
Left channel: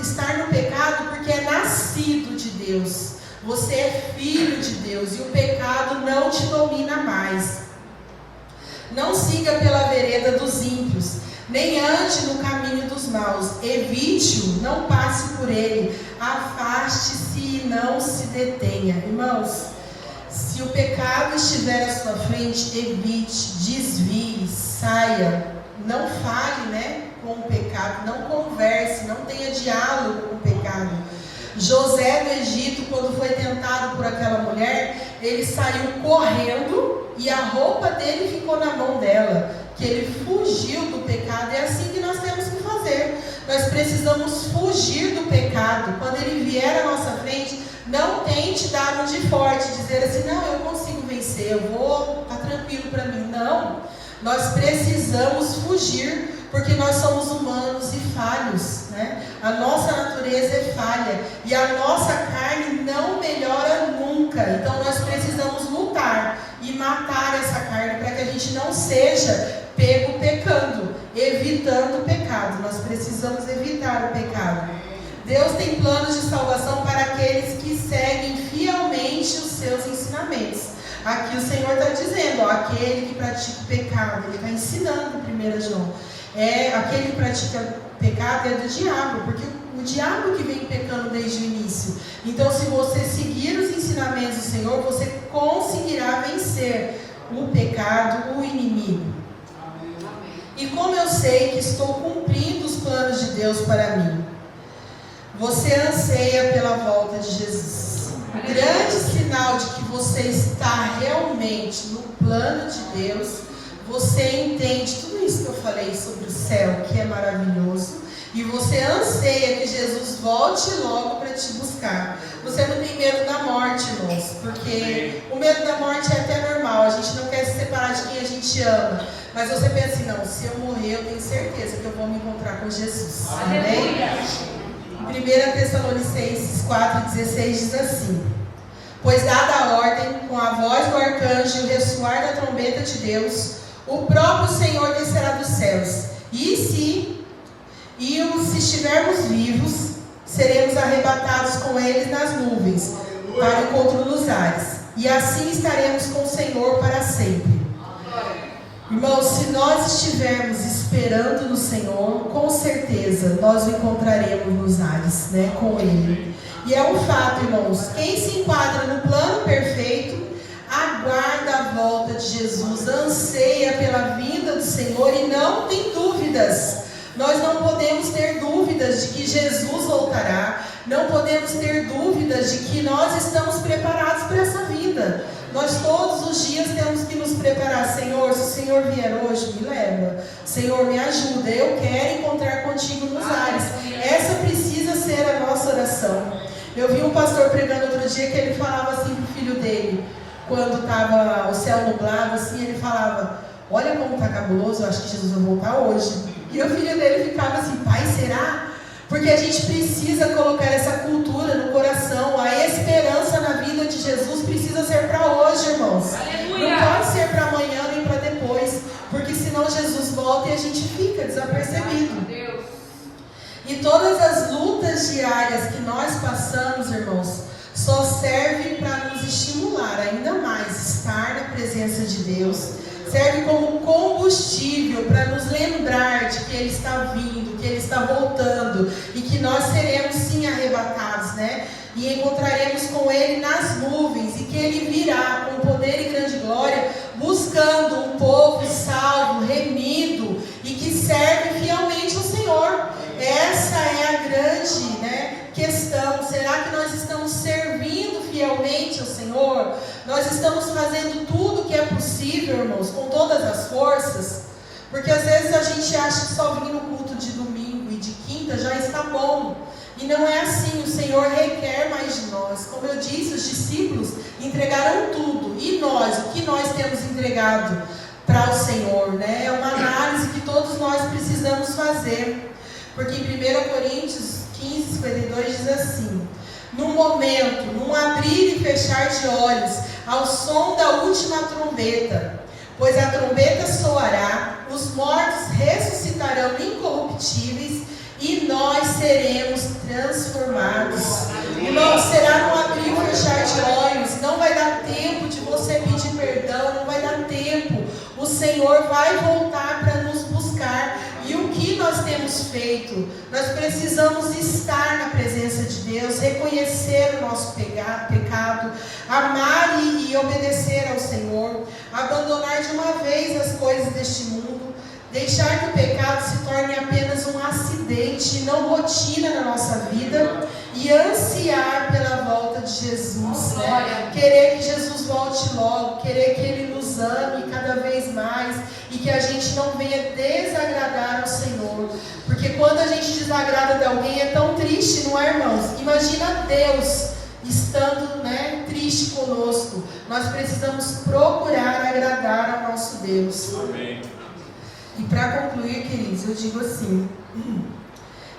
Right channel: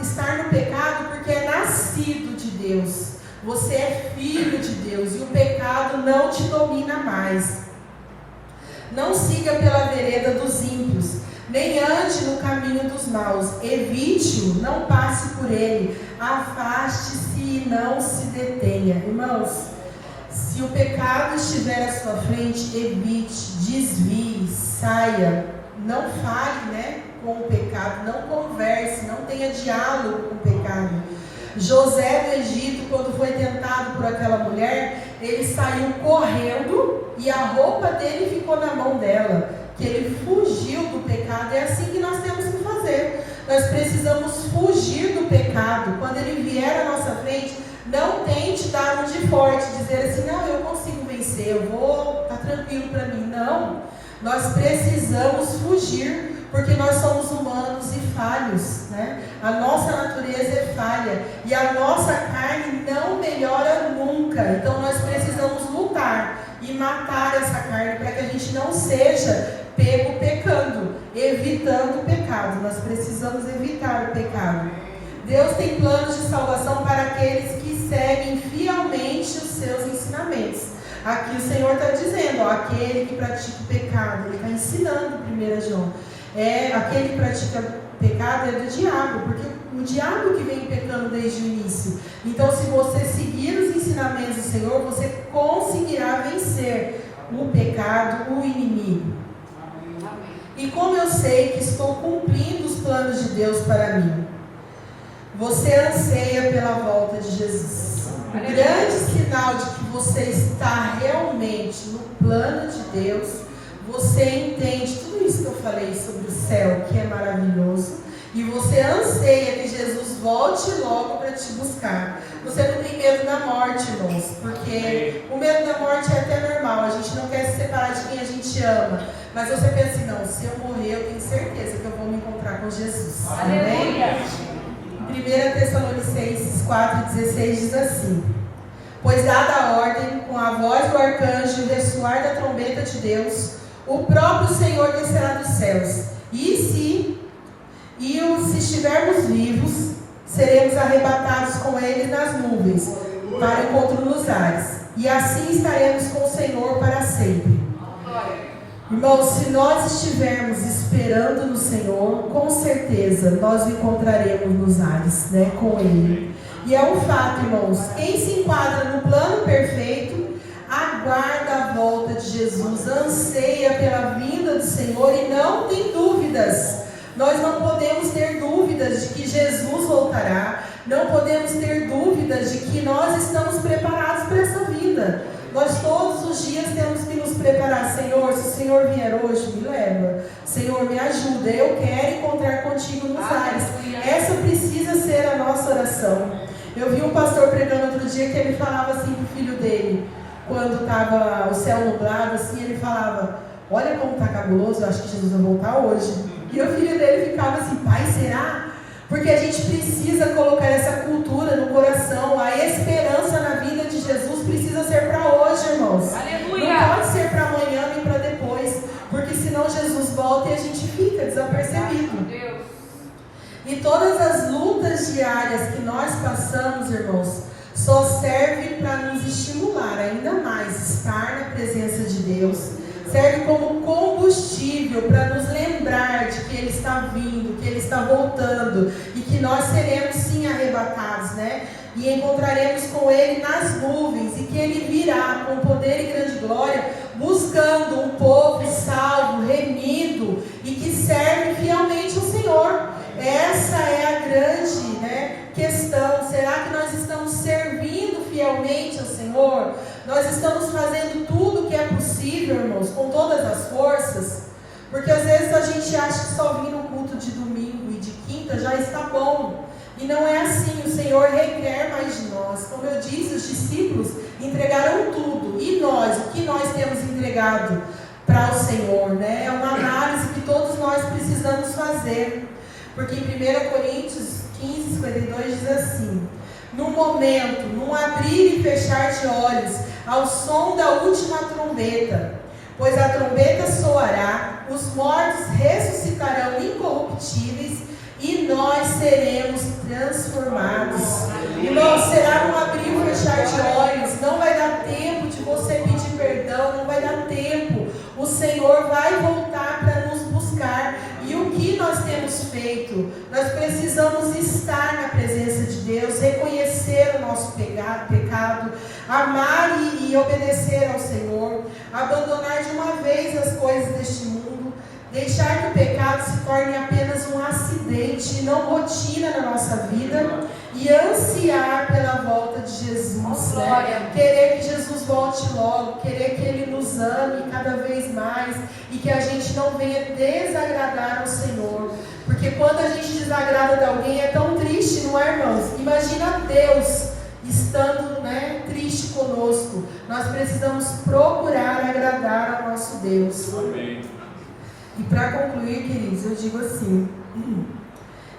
estar no pecado porque é nascido de Deus. Você é filho de Deus e o pecado não te domina mais. Não siga pela vereda dos ímpios, nem ande no caminho dos maus. Evite-o, não passe por ele. Afaste-se e não se detenha. Irmãos, se o pecado estiver à sua frente, evite, desvie, saia. Não fale, né, com o pecado, não converse, não tenha diálogo com o pecado. José do Egito, quando foi tentado por aquela mulher, ele saiu correndo e a roupa dele ficou na mão dela, que ele fugiu do pecado. É assim que nós temos que fazer. Nós precisamos fugir do pecado. Quando ele vier à nossa frente, não tente dar um de forte, dizer assim, não, eu consigo vencer, eu vou, tá tranquilo para mim. Não, nós precisamos fugir, porque nós somos humanos e falhos, né? A nossa natureza é falha e a nossa carne não melhora nunca. Então nós precisamos lutar e matar essa carne para que a gente não seja pego pecando, evitando o pecado. Nós precisamos evitar o pecado. Deus tem planos de salvação para aqueles que seguem fielmente os seus ensinamentos. Aqui o Senhor está dizendo, ó, aquele que pratica o pecado, ele está ensinando 1 João. Aquele que pratica pecado é do diabo, porque o diabo que vem pecando desde o início. Então, se você seguir os ensinamentos do Senhor, você conseguirá vencer o pecado, o inimigo. E como eu sei que estou cumprindo os planos de Deus para mim? Você anseia pela volta de Jesus. O grande sinal de que você está realmente no plano de Deus, você entende tudo isso que eu falei sobre o céu, que é maravilhoso, e você anseia que Jesus volte logo para te buscar. Você não tem medo da morte, irmãos, porque o medo da morte é até normal, a gente não quer se separar de quem a gente ama, mas você pensa assim, não, se eu morrer eu tenho certeza que eu vou me encontrar com Jesus. Amém? Em 1 Tessalonicenses 4,16 diz assim: pois dada a ordem, com a voz do arcanjo e o ressoar da trombeta de Deus, o próprio Senhor descerá dos céus, e se estivermos vivos, seremos arrebatados com eles nas nuvens, para o encontro nos ares, e assim estaremos com o Senhor para sempre. Irmãos, se nós estivermos esperando no Senhor, com certeza nós o encontraremos nos ares, né, com Ele. E é um fato, irmãos, quem se enquadra no plano perfeito, aguarda a volta de Jesus, anseia pela vinda do Senhor e não tem dúvidas. Nós não podemos ter dúvidas de que Jesus voltará, não podemos ter dúvidas de que nós estamos preparados para essa vinda. Nós todos os dias temos que nos preparar. Senhor, se o Senhor vier hoje, me leva. Senhor, me ajuda, eu quero encontrar contigo nos ares. Essa precisa ser a nossa oração. Eu vi um pastor pregando outro dia que ele falava assim para o filho dele, quando estava o céu nublado, assim, ele falava: olha como está cabuloso, eu acho que Jesus vai voltar hoje. E o filho dele ficava assim: pai, será? Porque a gente precisa colocar essa cultura no coração. A esperança na vida de Jesus precisa ser para hoje, irmãos. Aleluia. Não pode ser para amanhã e para depois, porque senão Jesus volta e a gente fica desapercebido. E todas as lutas diárias que nós passamos, irmãos, só servem para nos estimular ainda mais estar na presença de Deus. Serve como combustível para nos lembrar de que Ele está vindo, que Ele está voltando e que nós seremos sim arrebatados, né? E encontraremos com Ele nas nuvens, e que Ele virá com poder e grande glória, buscando um povo salvo, remido e que serve fielmente ao Senhor. Essa é a grande, né, questão. Será que nós estamos servindo fielmente ao Senhor? Nós estamos fazendo tudo o que é possível, irmãos, com todas as forças? Porque às vezes a gente acha que só vir no culto de domingo e de quinta já está bom. E não é assim. O Senhor requer mais de nós. Como eu disse, os discípulos entregaram tudo. E nós, o que nós temos entregado para o Senhor, né? É uma análise que todos nós precisamos fazer. Porque em 1 Coríntios 15, 52 diz assim: no momento, num abrir e fechar de olhos, ao som da última trombeta, pois a trombeta soará, os mortos ressuscitarão incorruptíveis e nós seremos transformados. Irmãos, será num abrir e fechar de olhos. Não vai dar tempo de você pedir perdão, não vai dar tempo. O Senhor vai voltar para nos buscar. E o que nós temos feito? Nós precisamos estar na presença de Deus, reconhecer o nosso pecado, amar e obedecer ao Senhor, abandonar de uma vez as coisas deste mundo, deixar que o pecado se torne apenas um acidente, não rotina na nossa vida, e ansiar pela volta de Jesus, né? Querer que Jesus volte logo, querer que Ele nos ame cada vez mais, e que a gente não venha desagradar ao Senhor, porque quando a gente desagrada de alguém é tão triste, não é, irmãos? Imagina Deus estando, né, triste conosco. Nós precisamos procurar agradar ao nosso Deus. Amém. E para concluir, queridos, eu digo assim:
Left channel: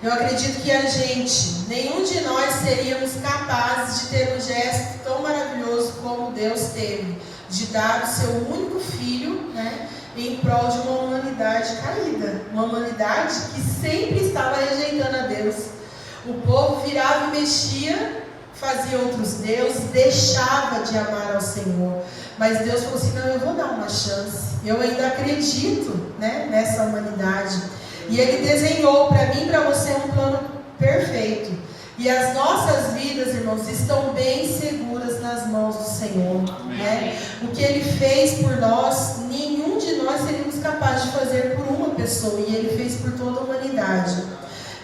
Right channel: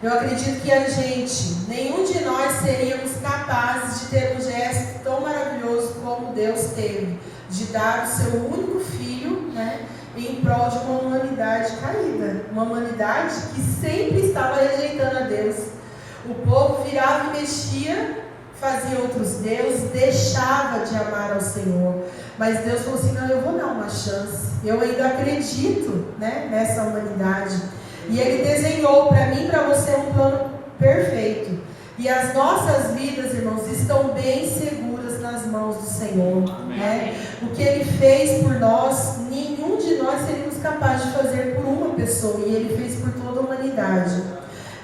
eu acredito que a gente, nenhum de nós seríamos capazes de ter um gesto tão maravilhoso como Deus teve, de dar o seu único filho, né, em prol de uma humanidade caída, uma humanidade que sempre estava rejeitando a Deus. O povo virava e mexia, fazia outros deuses, deixava de amar ao Senhor. Mas Deus falou assim: não, eu vou dar uma chance. Eu ainda acredito, né, nessa humanidade. E Ele desenhou para mim e para você um plano perfeito. E as nossas vidas, irmãos, estão bem seguras nas mãos do Senhor, né? O que Ele fez por nós, nenhum de nós seríamos capazes de fazer por uma pessoa. E Ele fez por toda a humanidade.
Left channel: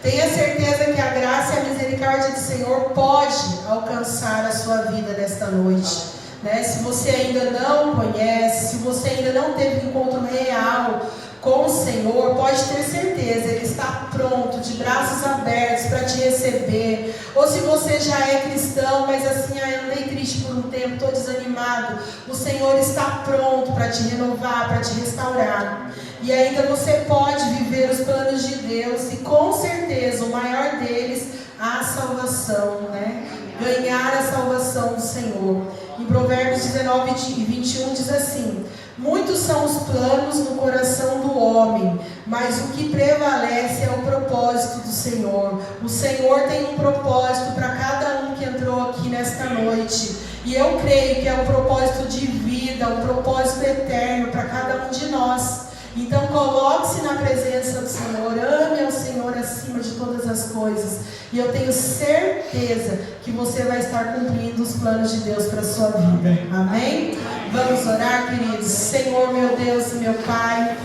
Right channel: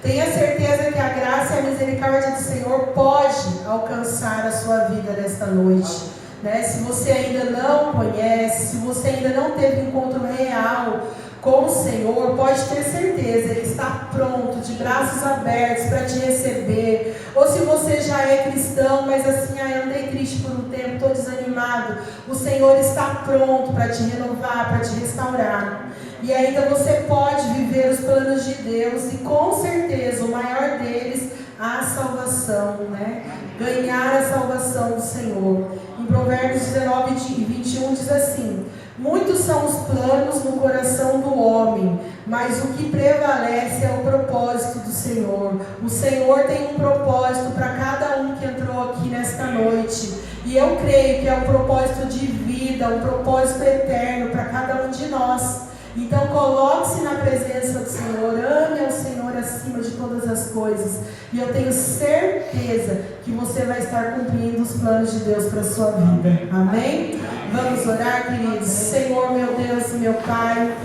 Tenha certeza que a graça e a misericórdia do Senhor pode alcançar a sua vida nesta noite, né? Se você ainda não conhece, se você ainda não teve encontro real com o Senhor, pode ter certeza, Ele está pronto, de braços abertos para te receber. Ou se você já é cristão, mas assim, andei triste por um tempo, estou desanimado, o Senhor está pronto para te renovar, para te restaurar. E ainda você pode viver os planos de Deus, e com certeza o maior deles, a salvação, né? Ganhar a salvação do Senhor. Em Provérbios 19:21 diz assim: muitos são os planos no coração do homem, mas o que prevalece é o propósito do Senhor. O Senhor tem um propósito para cada um que entrou aqui nesta noite, e eu creio que é um propósito de vida, um propósito eterno para cada um de nós. Então coloque-se na presença do Senhor, ame ao Senhor acima de todas as coisas, e eu tenho certeza que você vai estar cumprindo os planos de Deus para a sua vida. Amém? Vamos orar, queridos. Senhor, meu Deus e meu Pai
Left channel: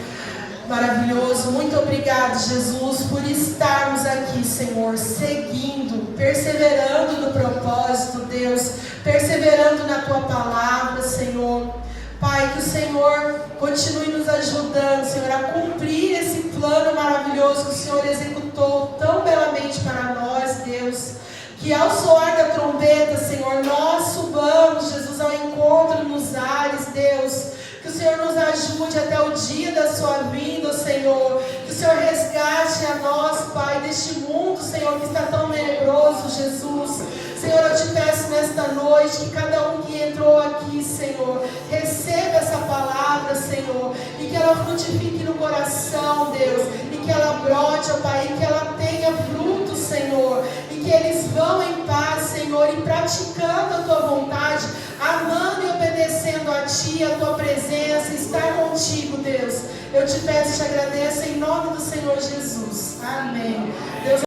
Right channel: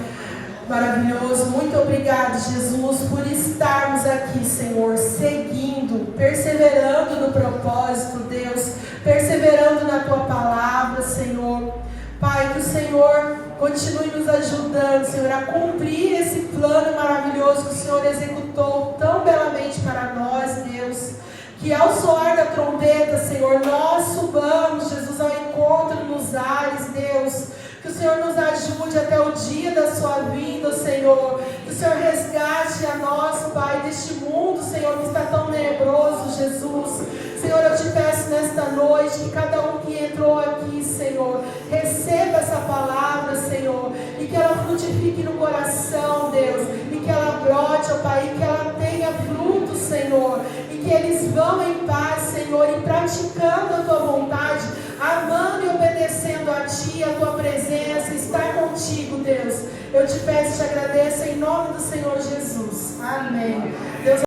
maravilhoso, muito obrigado, Jesus, por estarmos aqui, Senhor, seguindo, perseverando no propósito, Deus, perseverando na Tua palavra, Senhor. Pai, que o Senhor continue nos ajudando, Senhor, a cumprir esse plano maravilhoso que o Senhor executou tão belamente para nós, Deus. Que ao soar da trombeta, Senhor, nós subamos, Jesus, ao encontro nos ares, Deus. Que o Senhor nos ajude até o dia da sua vinda, Senhor. Que o Senhor resgate a nós, Pai, deste mundo, Senhor, que está tão tenebroso, Jesus. Senhor, eu te peço nesta noite que cada um que entrou aqui, Senhor, receba essa palavra, Senhor, e que ela frutifique no coração, Deus, e que ela brote, ó Pai, e que ela tenha fruto, Senhor, e que eles vão em paz, Senhor, e praticando a Tua vontade, amando e obedecendo a Ti, a Tua presença, estar contigo, Deus. Eu te peço e te agradeço em nome do Senhor Jesus. Amém. Deus